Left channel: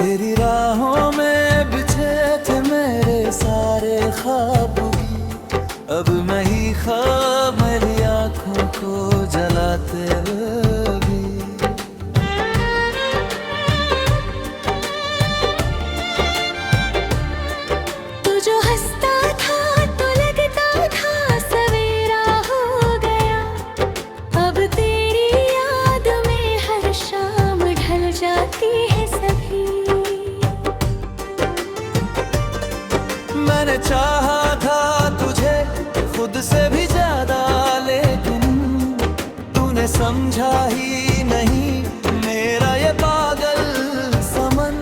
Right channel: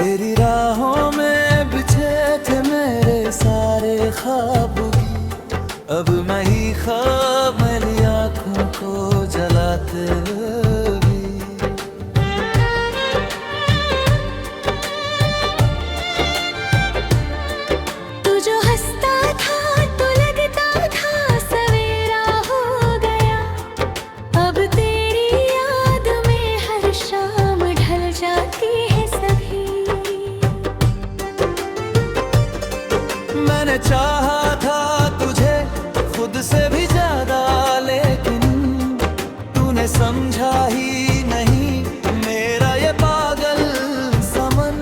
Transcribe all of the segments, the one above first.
तेरी राहों में बिछे थे मेरे सारे ख्वाब भी, अब मैं ही ख्वाब मेरी आँखों को जलाते हुए भी। तू जो हंसता था तो लगता था सवेरा हो गया, अब तेरी याद में हर शाम ढल जाती है सभी। मैंने चाहा था तुझे खुद से भी ज्यादा, लेकिन तूने समझा ही नहीं मेरा ये पागल समन।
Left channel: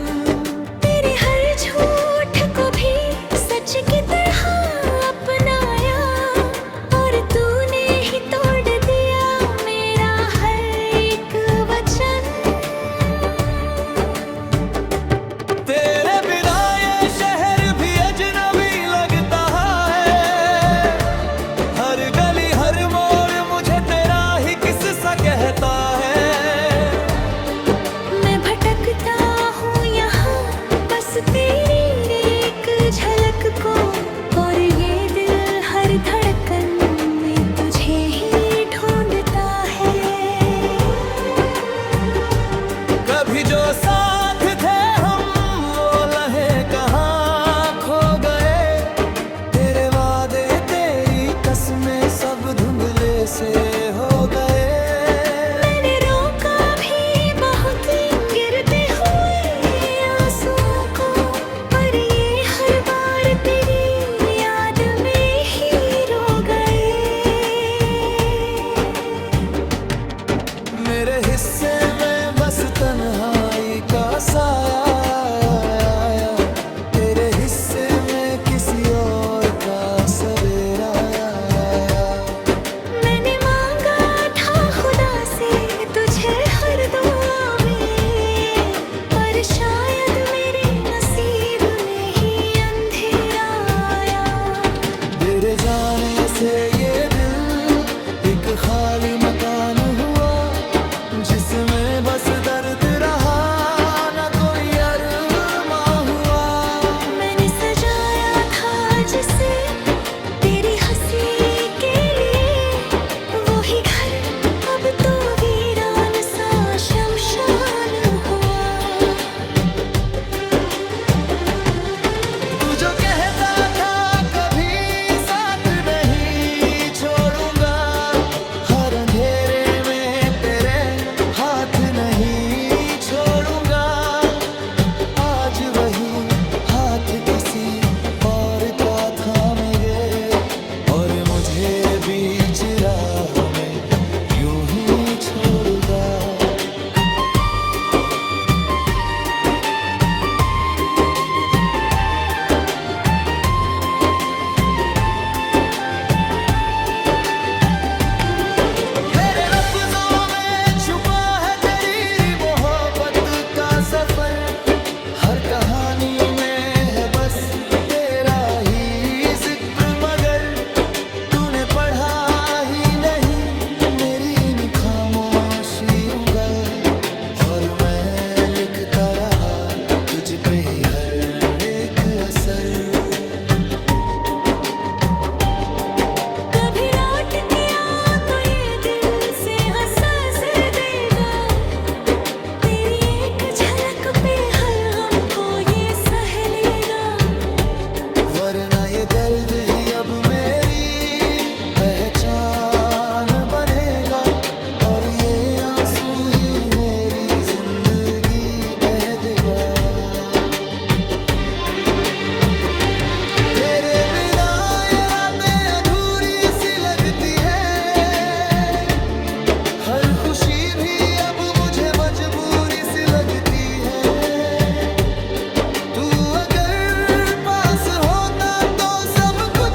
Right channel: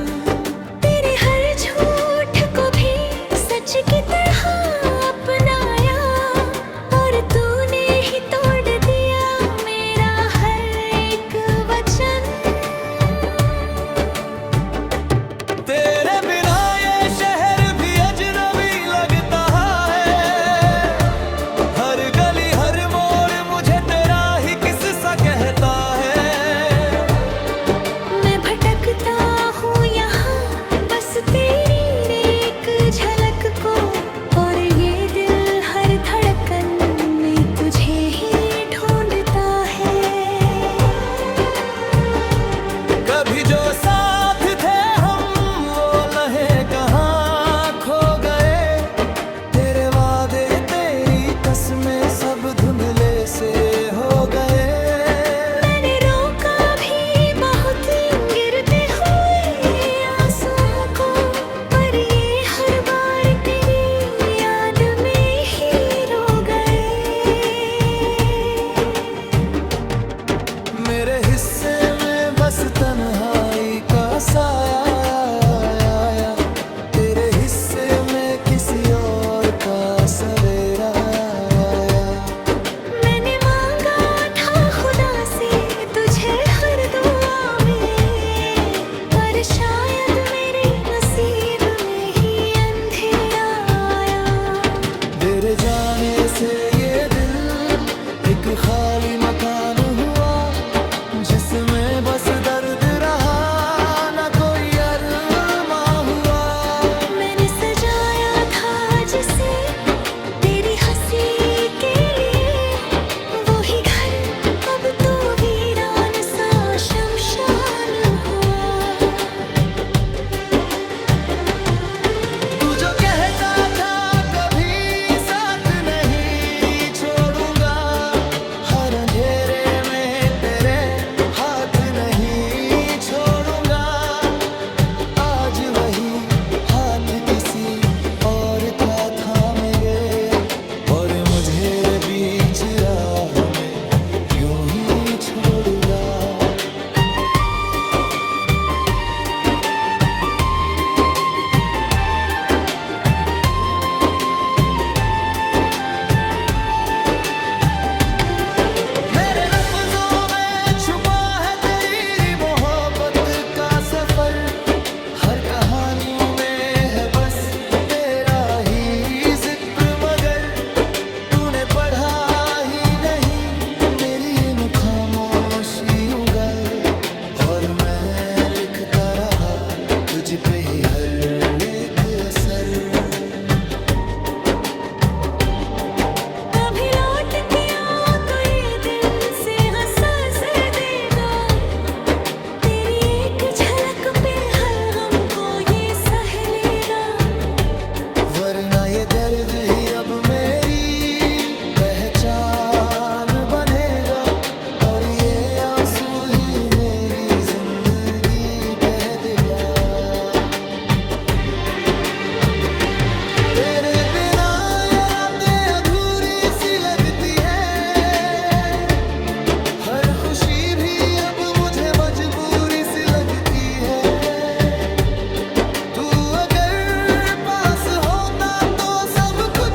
तेरे हर झूठ को भी सच की तरह अपनाया, और तूने ही तोड़ दिया मेरा हर एक वचन। तेरे बिना ये शहर भी अजनबी लगता है, हर गली हर मोड़ मुझे तेरा ही किस्सा कहता है। मैं भटकता हूँ यहाँ बस तेरी एक झलक को, और ये दिल हर धड़कन में तुझे ही ढूंढता है। कभी जो साथ थे हम वो लहे कहाँ खो गए, तेरे वादे तेरी कसमें सब धुंधले से हो गए। मैंने रोका भी बहुत गिरते हुए आंसुओं को, पर ये हर बार तेरी याद में ही रो गए। मेरे हिस्से में बस तन्हाई का साया आया, तेरे हिस्से में किसी और का सवेरा आया। मैंने मांगा था खुदा से तुझे हर दुआ में, पर शायद मेरे नसीब में ही अंधेरा आया। तेरे जाने से ये दिल एक खाली मकान हुआ, जिसमें बस दर्द रहा ना कोई अरमां हुआ। मैंने सजाया था जिसे तेरी हंसी के लिए, वही घर अब तो वीरान सा शमशान हुआ। तू जो कहता था कभी साथ नहीं छोड़ूंगा, हर अंधेरे में तेरे हाथ नहीं छोड़ूंगा, आज वही हाथ किसी और का थामे गए, और मुझे बीच राह में यूं ही छोड़ूंगा। मेरे लफ्जों में छुपा है तेरी मोहब्बत का सफर, हर कहानी में है बस तेरा ही जिक्र, मगर तूने पढ़ा ही नहीं मेरी इन खामोशी उंगल, और मैं लिखता रहा तुझ पे ही हर एक असर। कभी लौट के आ तो ये दिल से हंसा से देगा, तेरी एक झलक पे हर हमको ये सह लेगा। वरना ये दर्द ही अब मेरी पहचान बनेगा, और ये आंसू ही मेरी जिंदगी कह देगा। तेरे बिना ये रातें अधूरी सी लगती है, हर खुशी भी अब मुझे मजबूरी सी लगती है। तू अगर पास होता तो सब कुछ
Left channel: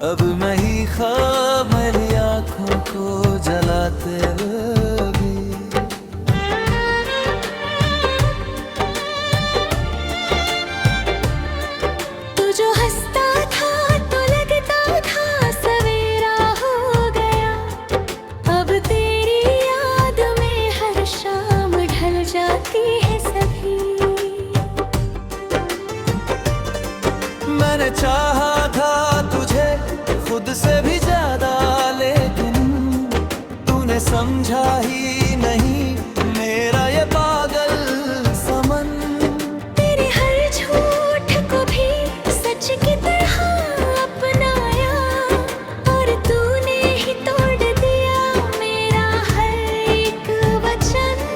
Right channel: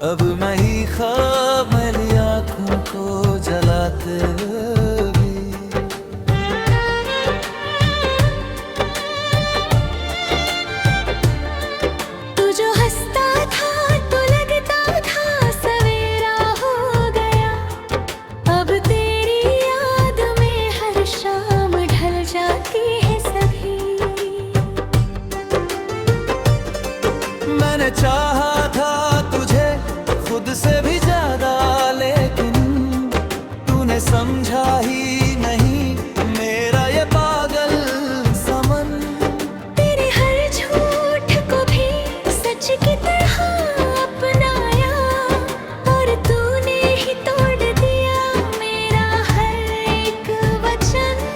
अब मैं ही ख्वाब मेरी आंखों को जलाते हुए भी। तू जो हंसता था तो लगता था सवेरा हो गया। अब तेरी याद में हर शाम ढल जाती है सभी। मैंने चाहा था तुझे खुद से भी ज्यादा, लेकिन तूने समझा ही नहीं मेरा ये पागल समन। तेरे हर झूठ को भी सच की तरह अपनाया, और तूने ही तोड़ दिया मेरा हर एक वचन।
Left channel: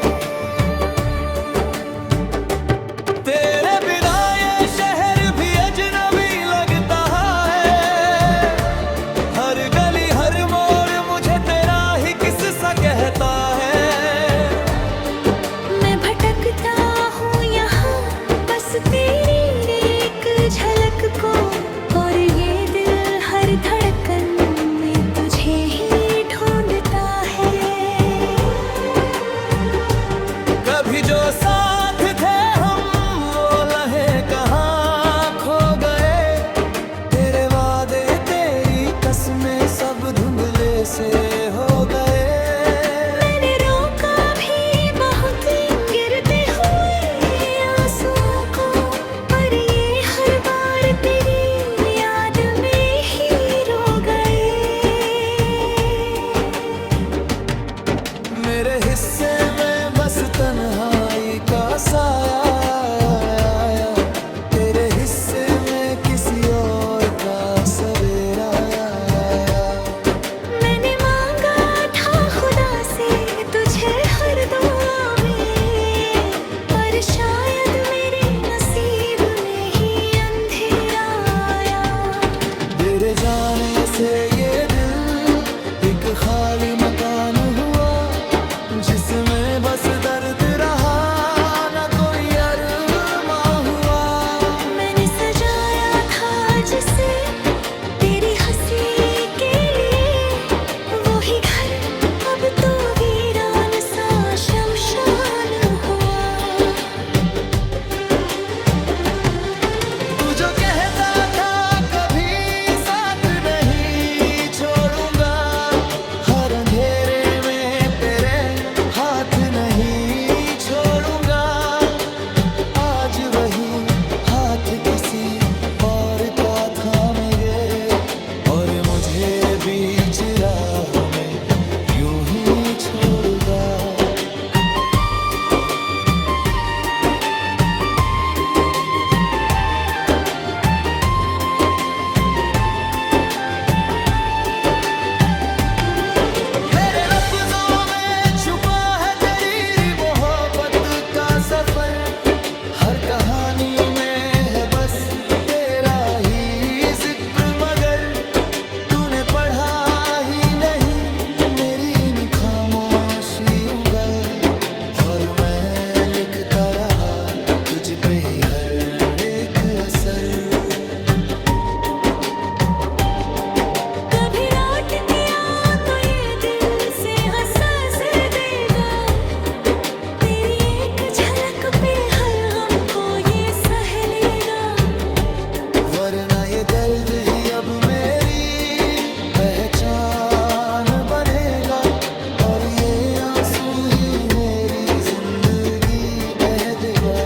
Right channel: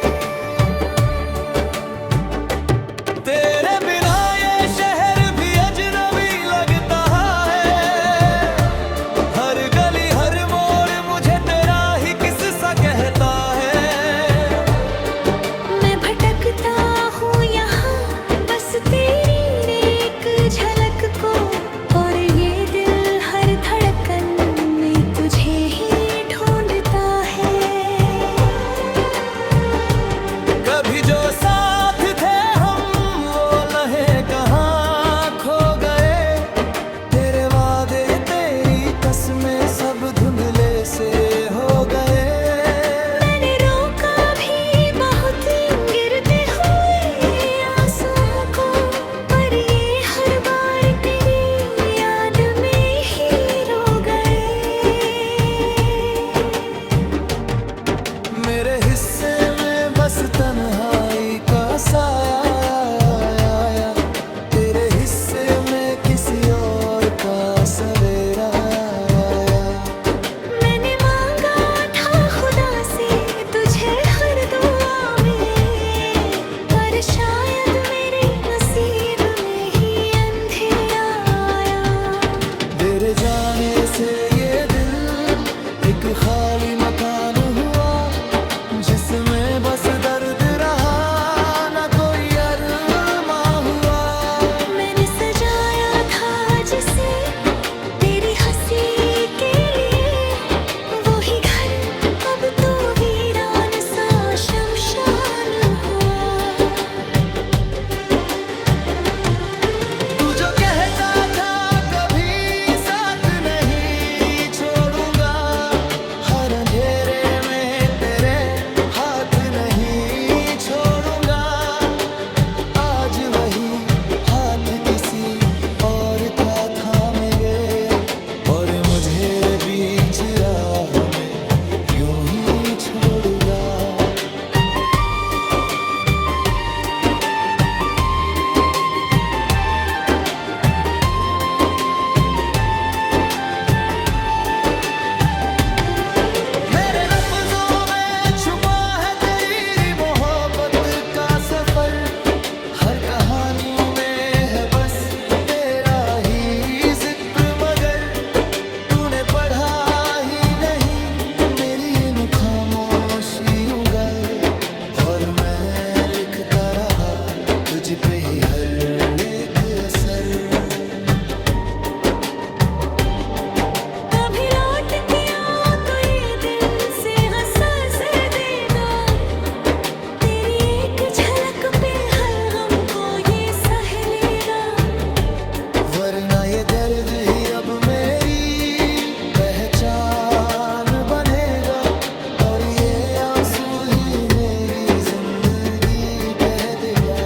तेरे बिना ये शहर भी अजनबी लगता है। हर गली हर मोड़ मुझे तेरा ही किस्सा कहता है। मैं भटकता हूँ यहाँ बस तेरी एक झलक को, और ये दिल हर धड़कन में तुझे ही ढूंढता है। कभी जो साथ थे हम वो लहे कहाँ खो गए। तेरे वादे तेरी कसमें सब धुंधले से हो गए। मैंने रोका भी बहुत गिरते हुए आंसुओं को, पर ये हर बार तेरी याद में ही रो गए। मेरे हिस्से में बस तन्हाई का साया आया। तेरे हिस्से में किसी और का सवेरा आया। मैंने मांगा था खुदा से तुझे हर दुआ में, पर शायद मेरे नसीब में ही अंधेरा आया। तेरे जाने से ये दिल एक खाली मकान हुआ, जिसमें बस दर्द रहा ना कोई अरमां हुआ। मैंने सजाया था जिसे तेरी हंसी के लिए, वो ही घर अब तो वीरान सा शमशान हुआ। तू जो कहता था कभी साथ नहीं छोड़ूंगा, हर अंधेरे में तेरे हाथ नहीं छोड़ूंगा। आज वही हाथ किसी और का थामेंगे, और मुझे बीच राह में यूं ही छोड़ूंगा। मेरे लफ्जों में छुपा है तेरी मोहब्बत का सफर। हर कहानी में है बस तेरा ही जिक्र, मगर तूने पढ़ा ही नहीं मेरी इन खामोशियों गल। और मैं लिखता रहा तुझ पे ही हर एक असर। कभी लौट के आ तो ये दिल से हंसा से देगा, तेरी एक झलक पे हर हमको ये सह लेगा। वरना ये दर्द ही अब मेरी पहचान बनेगा, और ये आंसू ही मेरी जिंदगी कह देगा।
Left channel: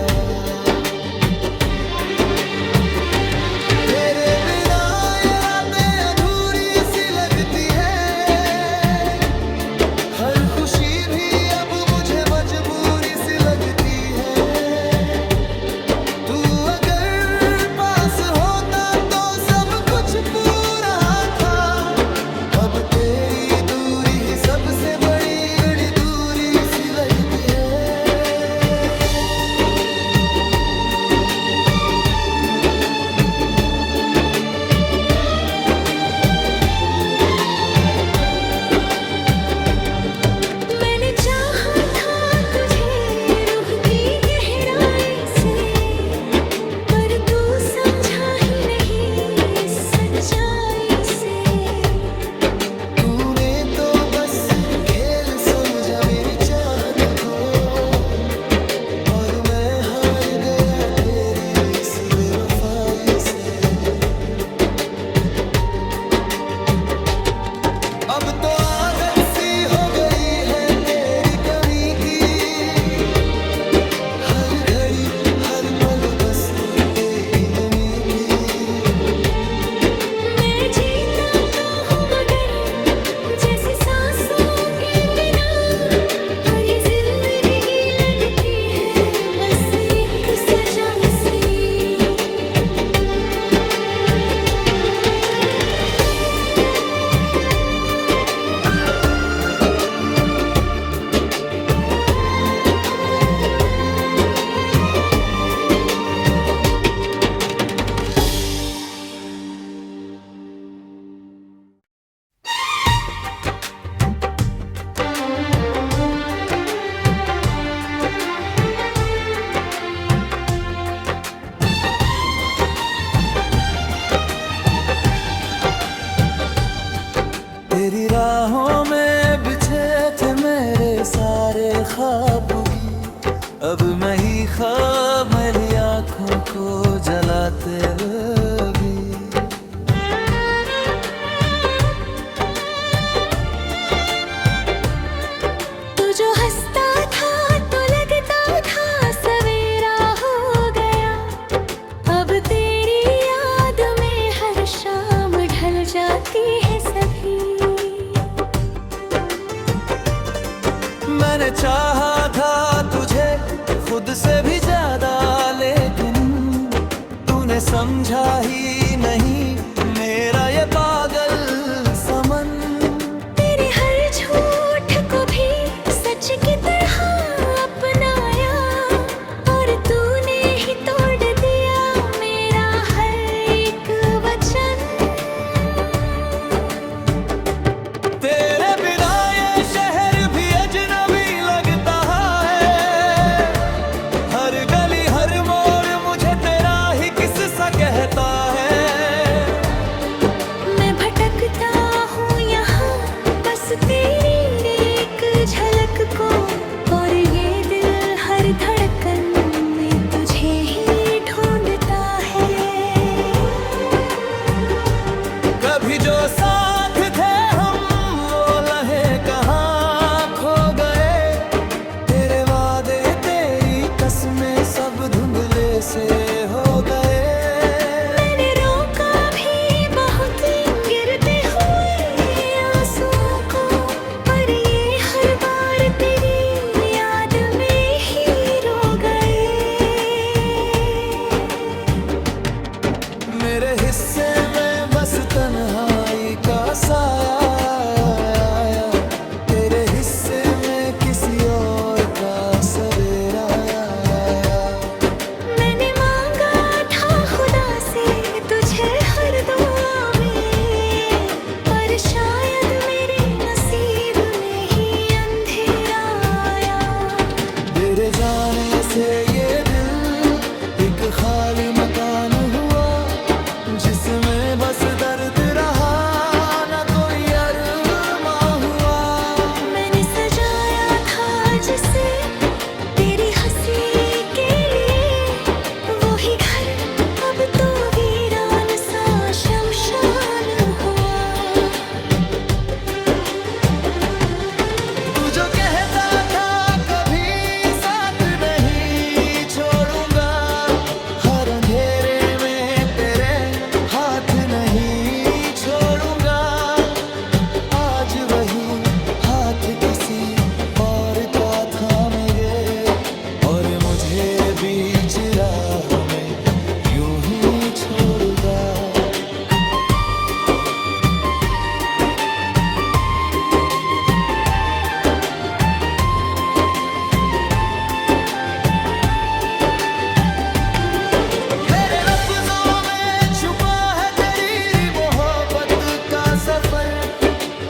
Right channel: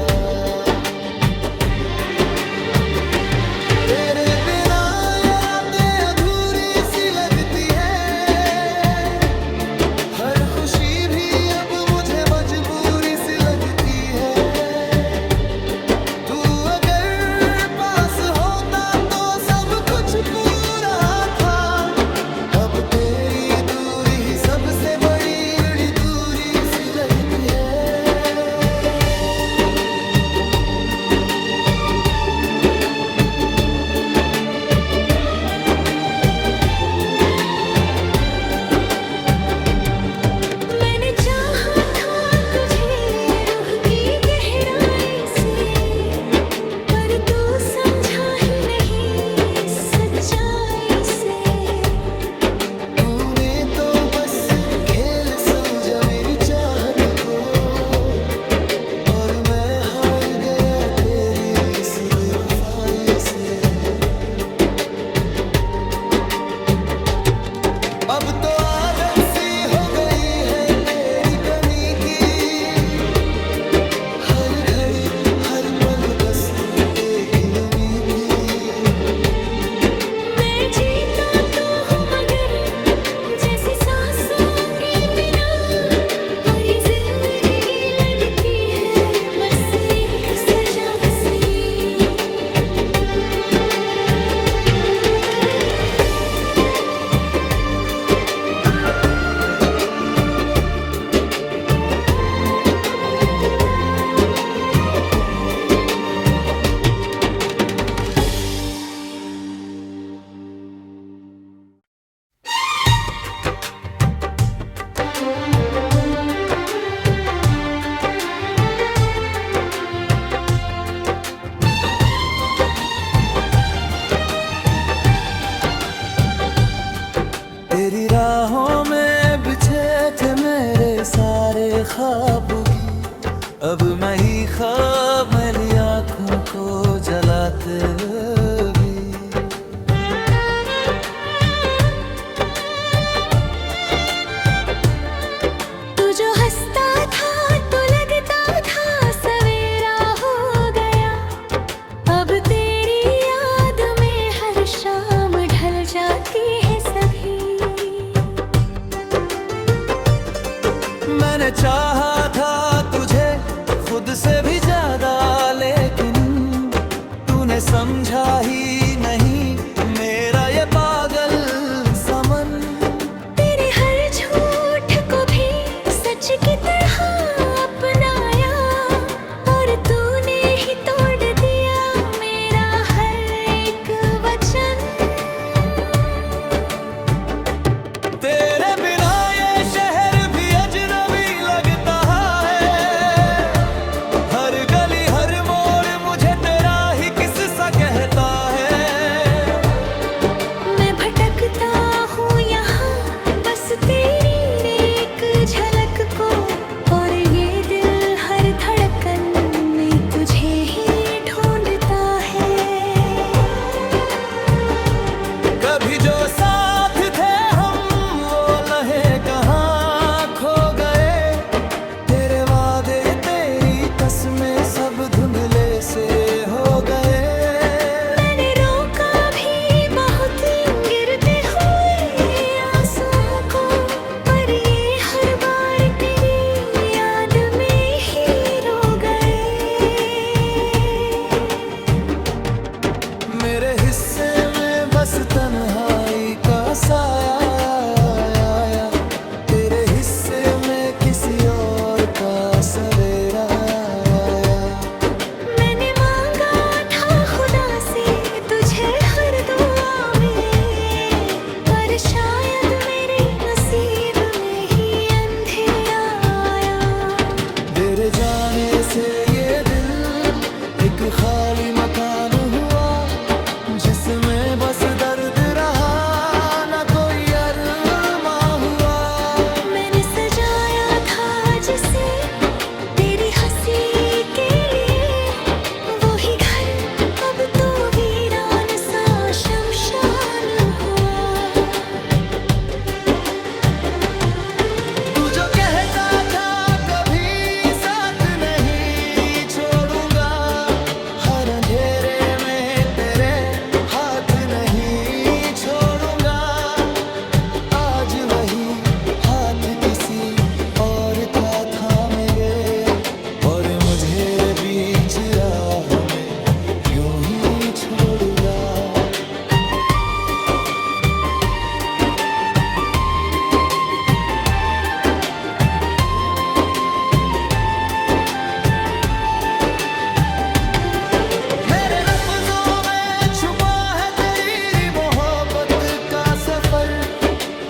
अब तो आदत सी हो गई है तेरी कमी की, हर घड़ी हर पल बस एक ही नमी की। मैं जीता तो हूँ मगर जैसी सांसों के बिना, और ये जिंदगी लगती है बस एक सजा सी। तेरी राहों में बिछे थे मेरे सारे ख्वाब भी, अब मैं ही ख्वाब मेरी आँखों को जलाते भी। तू जो हंसता था तो लगता था सवेरा हो गया, अब तेरी याद में हर शाम ढल जाती है सभी। मैंने चाहा था तुझे खुद से भी ज्यादा, लेकिन तूने समझा ही नहीं मेरा ये पागल समन। तेरे हर झूठ को भी सच की तरह अपनाया, और तूने ही तोड़ दिया मेरा हर एक वचन। तेरे बिना ये शहर भी अजनबी लगता है, हर गली हर मोड़ मुझे तेरा ही किस्सा कहता है। मैं भटकता हूँ यहाँ बस तेरी एक झलक को, और ये दिल हर धड़कन में तुझे ही ढूंढता है। कभी जो साथ थे हम वो लहे कहाँ खो गए, तेरे वादे तेरी कसमें सब धुंधले से हो गए। मैंने रोका भी बहुत गिरते हुए आंसुओं को, पर ये हर बार तेरी याद में ही रो गए। मेरे हिस्से में बस तन्हाई का साया आया, तेरे हिस्से में किसी और का सवेरा आया। मैंने मांगा था खुदा से तुझे हर दुआ में, पर शायद मेरे नसीब में ही अंधेरा आया। तेरे जाने से ये दिल एक खाली मकान हुआ, जिसमें बस दर्द रहा ना कोई अरमां हुआ। मैंने सजाया था जिसे तेरी हंसी के लिए, वो ही घर अब तो वीरान सा शमशान हुआ। तू जो कहता था कभी साथ नहीं छोड़ूंगा, हर अंधेरे में तेरे हाथ नहीं छोड़ूंगा। आज वही हाथ किसी और का थामे गए, और मुझे बीच राह में यूं ही छोड़ूंगा। मेरे लफ्जों में छुपा है तेरी मोहब्बत का सफर,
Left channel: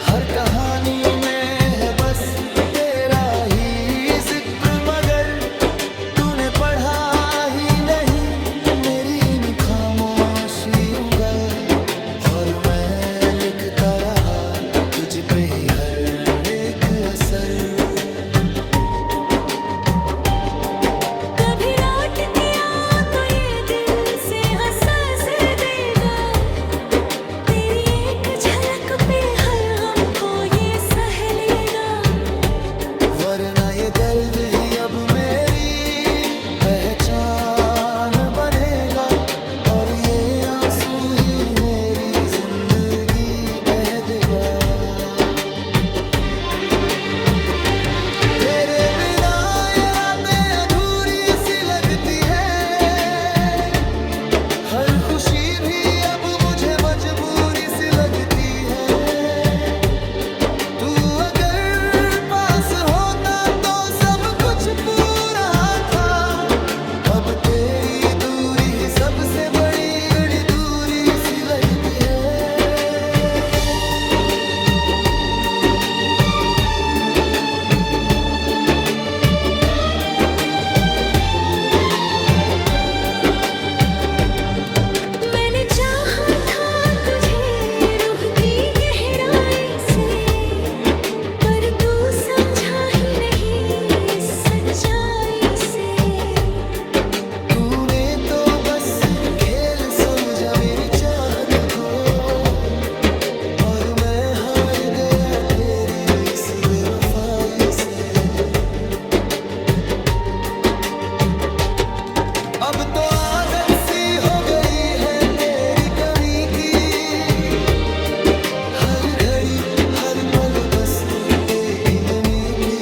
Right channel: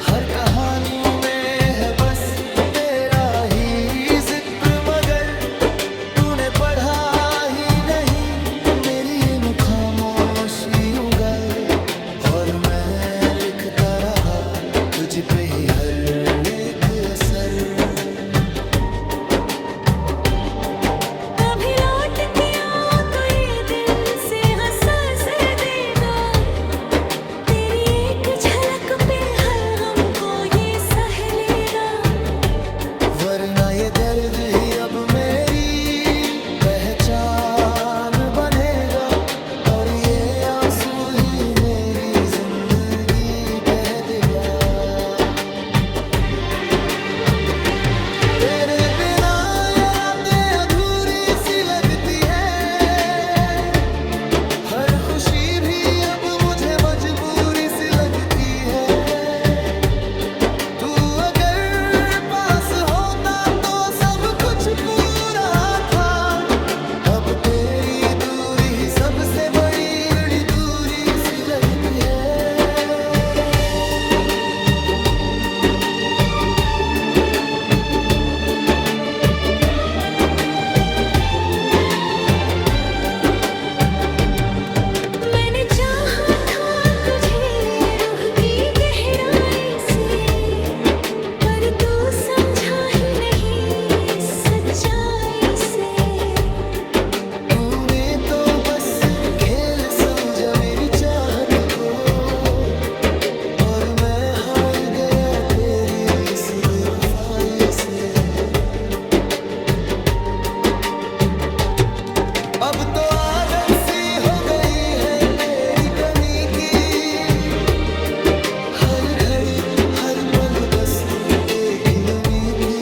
हर कहानी में है बस तेरा ही जिक्र, मगर तूने पढ़ा ही नहीं मेरी इन खामोशियों गल, और मैं लिखता रहा तुझ पे ही हर एक असर। कभी लौट के आओ तो ये दिल से हंसा से देगा, तेरी एक झलक पे हर हमको ये दर्द ही अब मेरी पहचान बनेगा, और ये आंसू ही मेरी जिंदगी कह देगा। तेरे बिना ये रातें अधूरी सी लगती है, हर खुशी भी अब मुझे मजबूरी सी लगती है। तू अगर पास होता तो सब कुछ पूरा था, अब तेरी दूरी ही सबसे बड़ी बड़ी दूरी सी लगती है। मैंने चाहा था तुझे रूह की गहराई से, पर तू समझा ही नहीं इस सच्चाई से। तूने तो बस खेल समझा मेरी चाहत को, और मैं हार गया तेरी इस बेवफाई से। अब तो आदत सी हो गई है तेरी कमी की, हर घड़ी हर पल बस एक ही नमी की।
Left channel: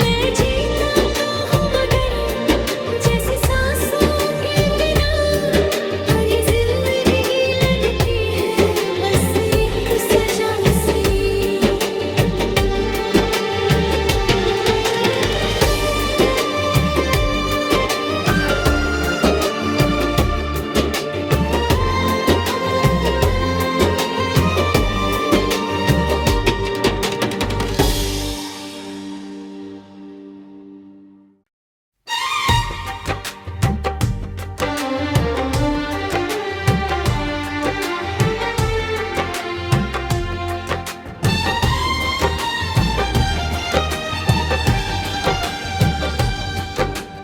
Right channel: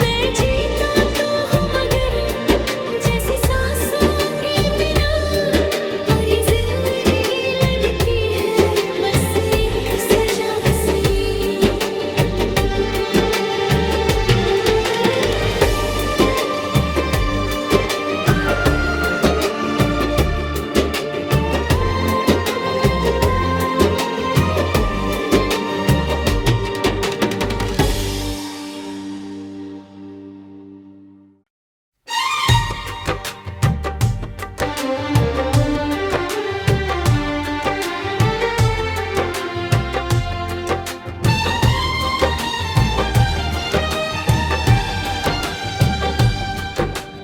मैं जीता तो हूँ मगर जैसे सांसों के बिना, और ये जिंदगी लगती है बस एक सजा सी।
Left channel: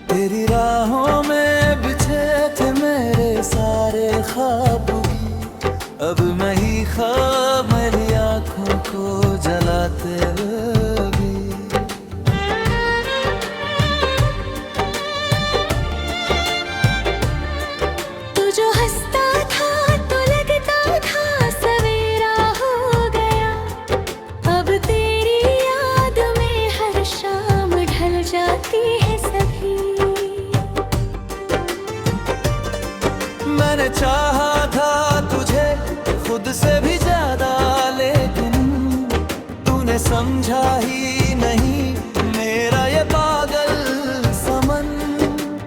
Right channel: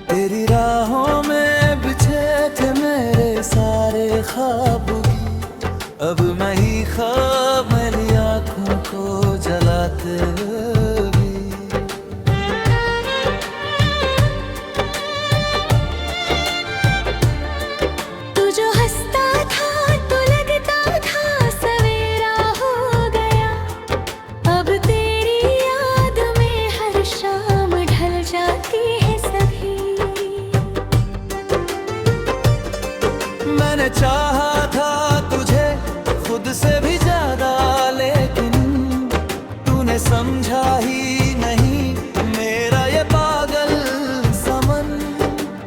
तेरी राहों में बिछे थे मेरे सारे ख्वाब भी, अब मैं ही ख्वाब मेरी आँखों को जलाते हुए भी। तू जो हंसता था तो लगता था सवेरा हो गया, अब तेरी याद में हर शाम ढल जाती है सभी। मैंने चाहा था तुझे खुद से भी ज्यादा, लेकिन तूने समझा ही नहीं मेरा ये पागल समन।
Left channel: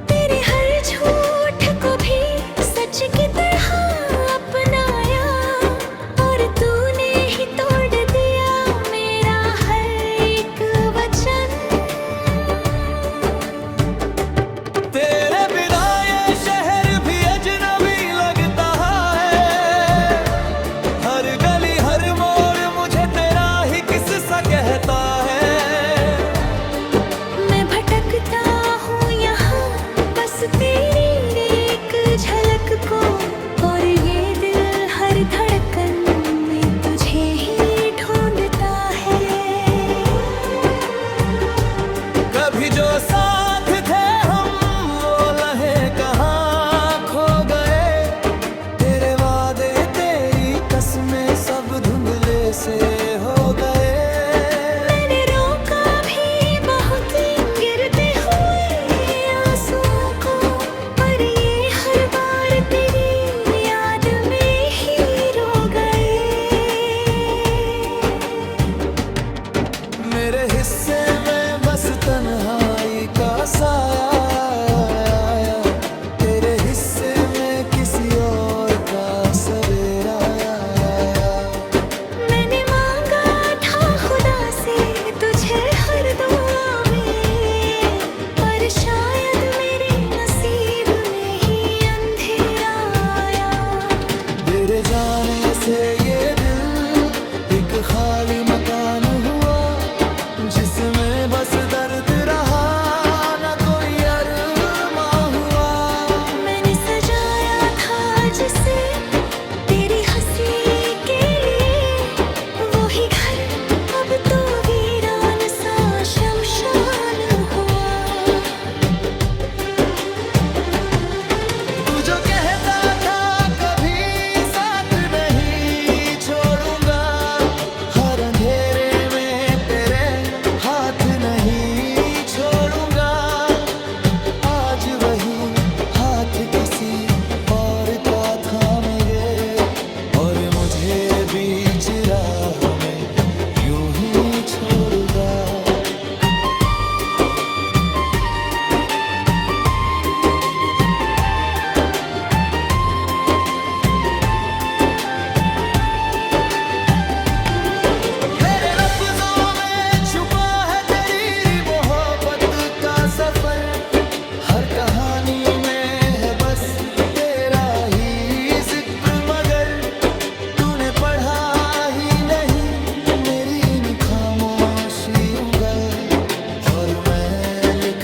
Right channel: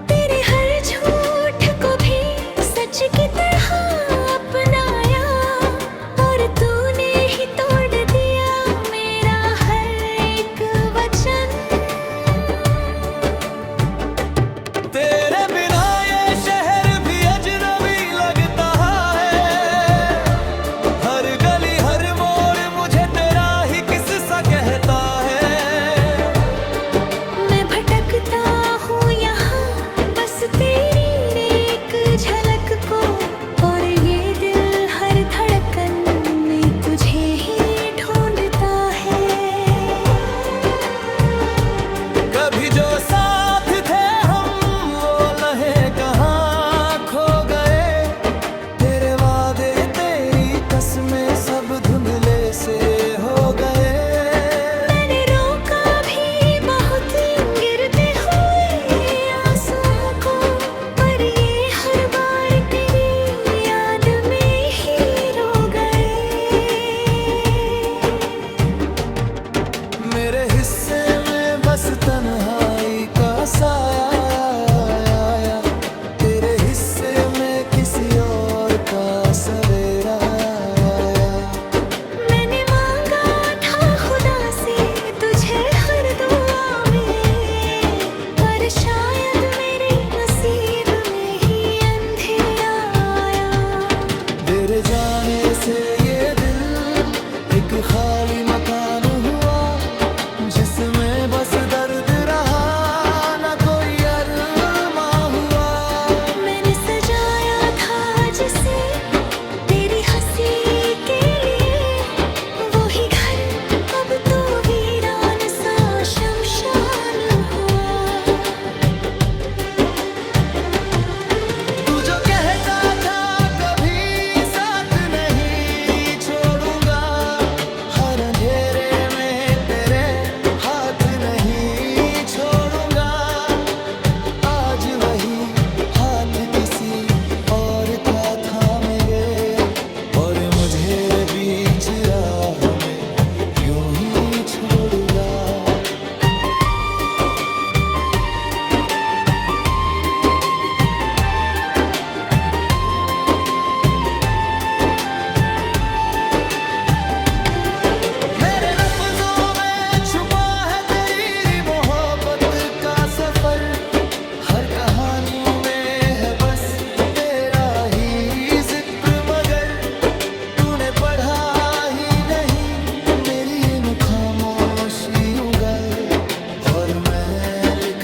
तेरे हर झूठ को भी सच की तरह अपनाया, और तूने ही तोड़ दिया मेरा हर एक वचन। तेरे बिना ये शहर भी अजनबी लगता है, हर गली हर मोड़ मुझे तेरा ही किस्सा कहता है। मैं भटकता हूँ यहाँ बस तेरी एक झलक को, और ये दिल हर धड़कन में तुझे ही ढूंढता है। कभी जो साथ थे हम वो लहे कहाँ खो गए, तेरे वादे तेरी कसमें सब धुंधले से हो गए। मैंने रोका भी बहुत गिरते हुए आंसुओं को, पर ये हर बार तेरी याद में ही रो गए। मेरे हिस्से में बस तन्हाई का साया आया, तेरे हिस्से में किसी और का सवेरा आया। मैंने मांगा था खुदा से तुझे हर दुआ में, पर शायद मेरे नसीब में ही अंधेरा आया। तेरे जाने से ये दिल एक खाली मकान हुआ, जिसमें बस दर्द रहा ना कोई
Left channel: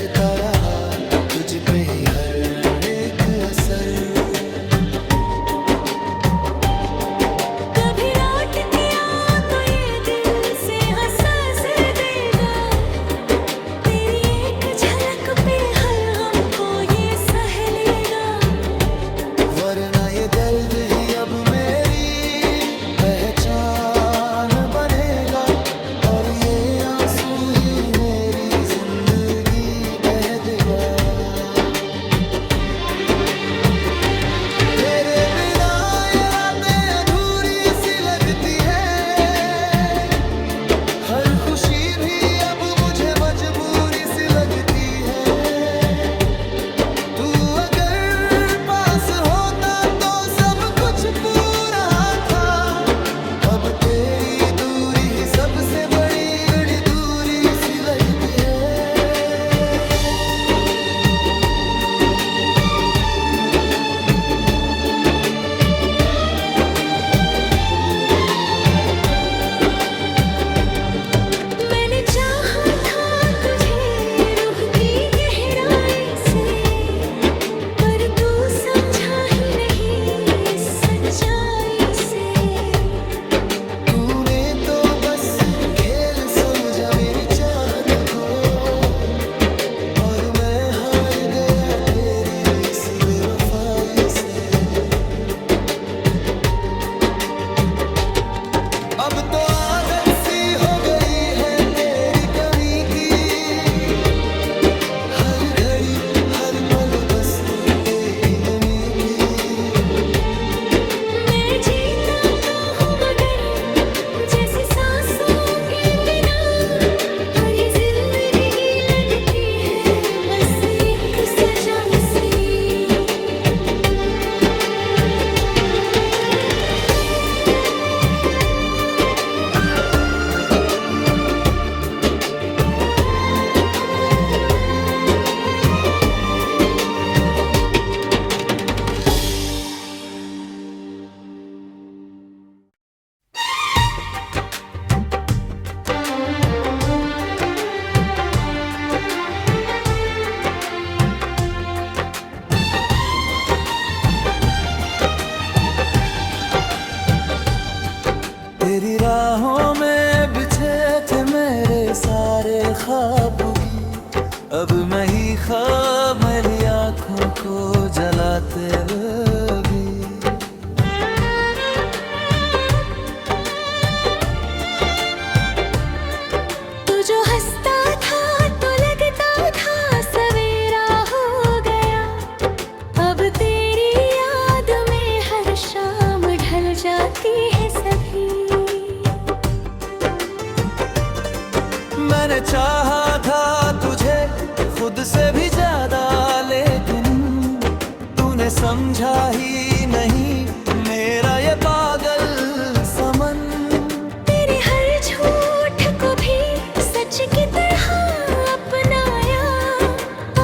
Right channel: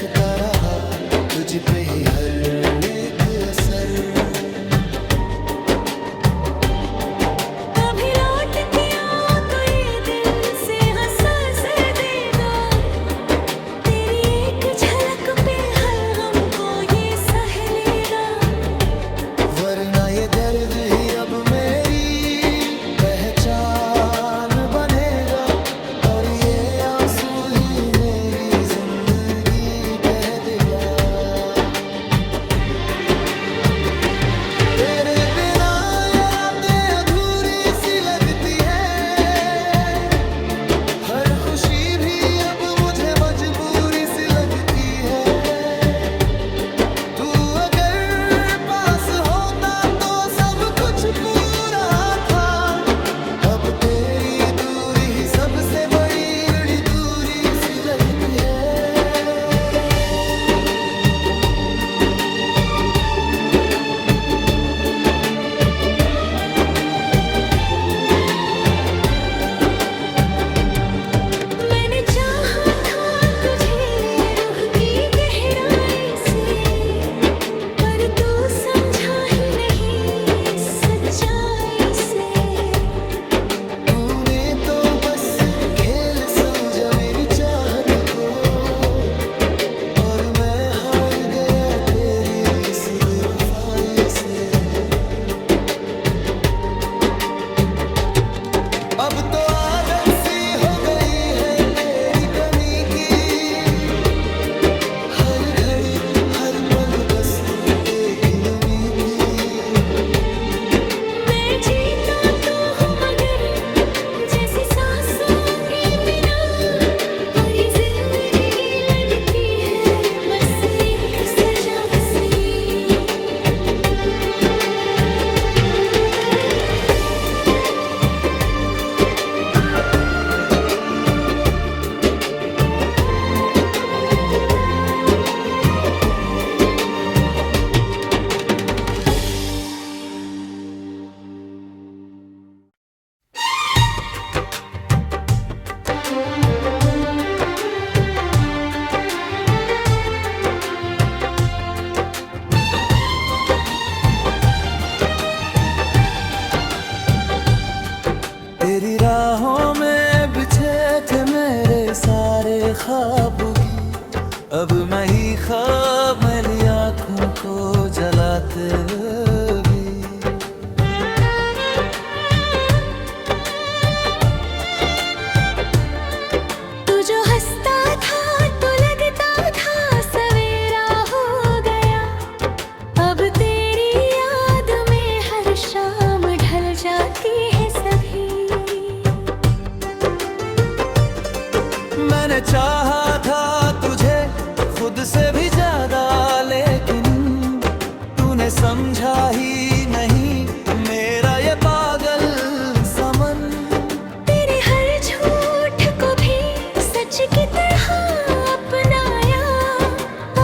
रखता रहा तुझ पे ही हर एक असर। कभी लौट के आओ तो ये दिल से हंस देगा, तेरी एक झलक पे हर हमको ये सह लेगा। वरना ये दर्द ही अब मेरी पहचान बनेगा, और ये आंसू ही मेरी जिंदगी कह देगा। तेरे बिना ये रातें अधूरी सी लगती है, हर खुशी भी अब मुझे मजबूरी सी लगती है। तू अगर पास होता तो सब कुछ पूरा था, अब तेरी दूरी ही सबसे बड़ी दूरी सी लगती है। मैंने चाहा था तुझे रूह की गहराई से, पर तू समझा ही नहीं इस सच्चाई से। तूने तो बस खेल समझा मेरी चाहत को, और मैं हार गया तेरी इस बेवफाई से। अब तो आदत सी हो गई है तेरी कमी की, हर घड़ी हर पल बस एक ही नमी की। मैं जीता तो हूँ मगर जैसी सांसों के बिना, और ये जिंदगी लगती है बस एक सजा सी। तेरी राहों में बिछे थे मेरे सारे ख्वाब भी, अब मैं ही ख्वाब मेरी आँखों को जलाते भी। तू जो हंसता था तो लगता था सवेरा हो गया, अब तेरी याद में हर शाम ढल जाती है सभी। मैंने चाहा था तुझे खुद से भी ज्यादा, लेकिन तूने समझा ही नहीं मेरा ये पागल समन। तेरे हर झूठ को भी सच की तरह अपनाया,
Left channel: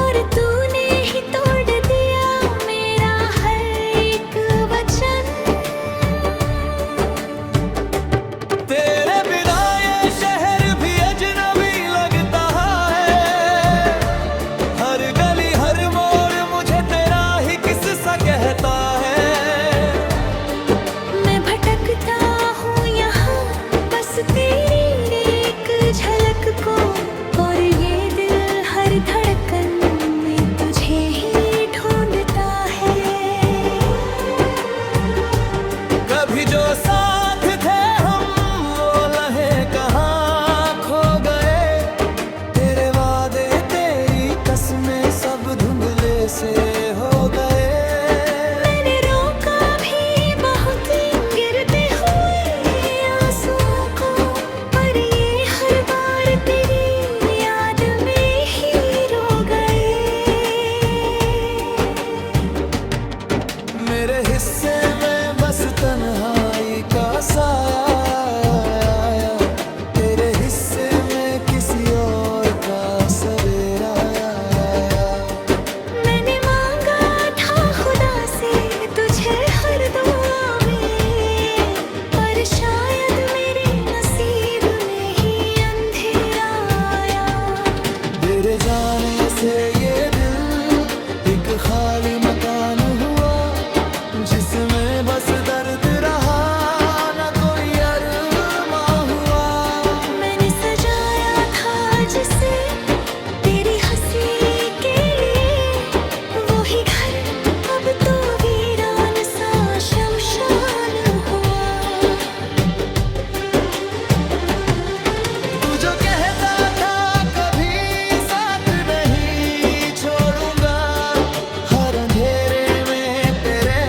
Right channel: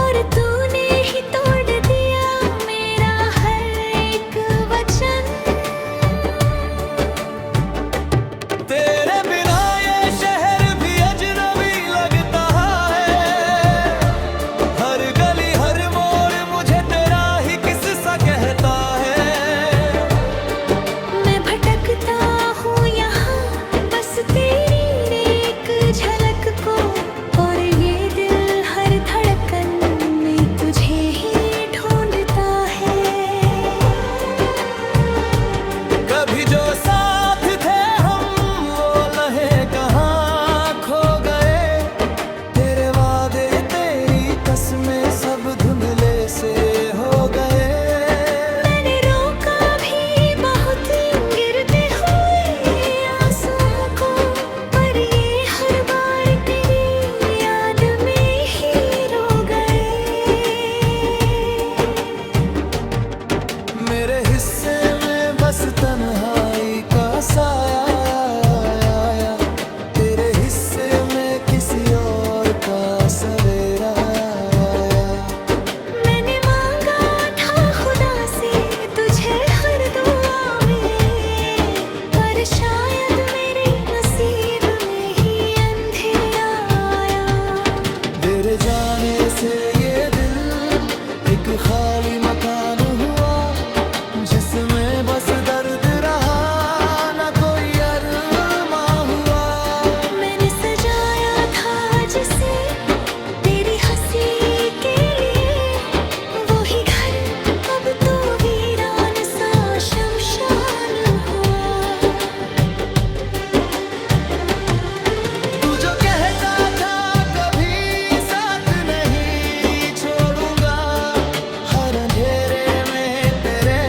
और तूने ही तोड़ दिया मेरा हर एक वचन। तेरे बिना ये शहर भी अजनबी लगता है, हर गली हर मोड़ मुझे तेरा ही किस्सा कहता है। मैं भटकता हूँ यहाँ बस तेरी एक झलक को, और ये दिल हर धड़कन में तुझे ही ढूंढता है। कभी जो साथ थे हम वो लहे कहाँ खो गए, तेरे वादे तेरी कसमें सब धुंधले से हो गए। मैंने रोका भी बहुत गिरते हुए आंसुओं को, पर ये हर बार तेरी याद में ही रो गए। मेरे हिस्से में बस तन्हाई का साया आया, तेरे हिस्से में किसी और का सवेरा आया। मैंने मांगा था खुदा से तुझे हर दुआ में, पर शायद मेरे नसीब में ही अंधेरा आया। तेरे जाने से ये दिल एक खाली मकान हुआ, जिसमें बस दर्द रहा, ना कोई अरमां हुआ। मैंने सजाया था जिसे तेरी हंसी के लिए, वही घर अब तो वीरान सा शमशान हुआ। तू जो कहता था कभी साथ नहीं छोड़ूंगा, हर अंधेरे में तेरे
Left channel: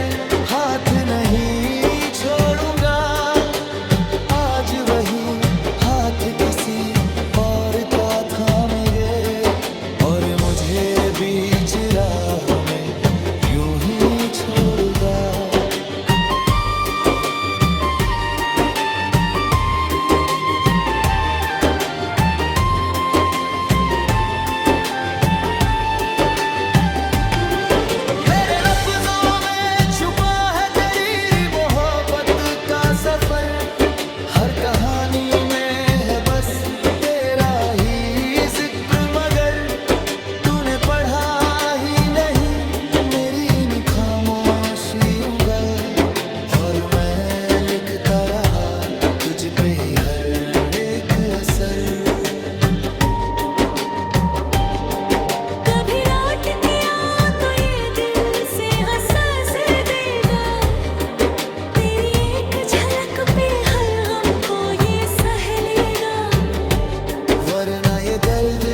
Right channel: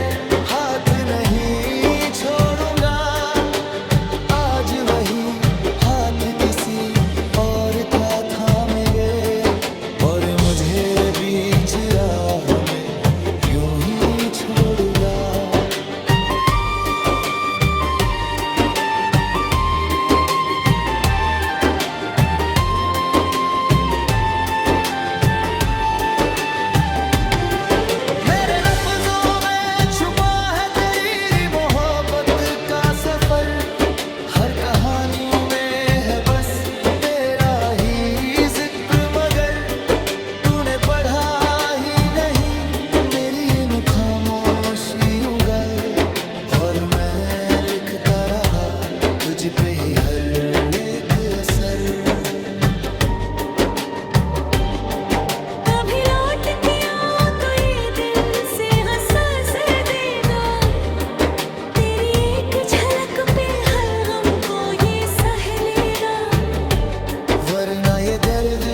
हाथ नहीं छोड़ूंगा। आज वही हाथ किसी और का थामे गए, और मुझे बीच राह में यूं ही छोड़ूंगा। मेरे लफ्जों में छुपा है तेरी मोहब्बत का सफर, हर कहानी में है बस तेरा ही जिक्र, मगर तूने पढ़ा ही नहीं मेरी इन खामोशियों गल, और मैं लिखता रहा तुझ पे ही हर एक असर। कभी लौट के आ तो ये दिल से हंसा से देगा, तेरी एक झलक पे हर हमको ये सह लेगा। वरना ये दर्द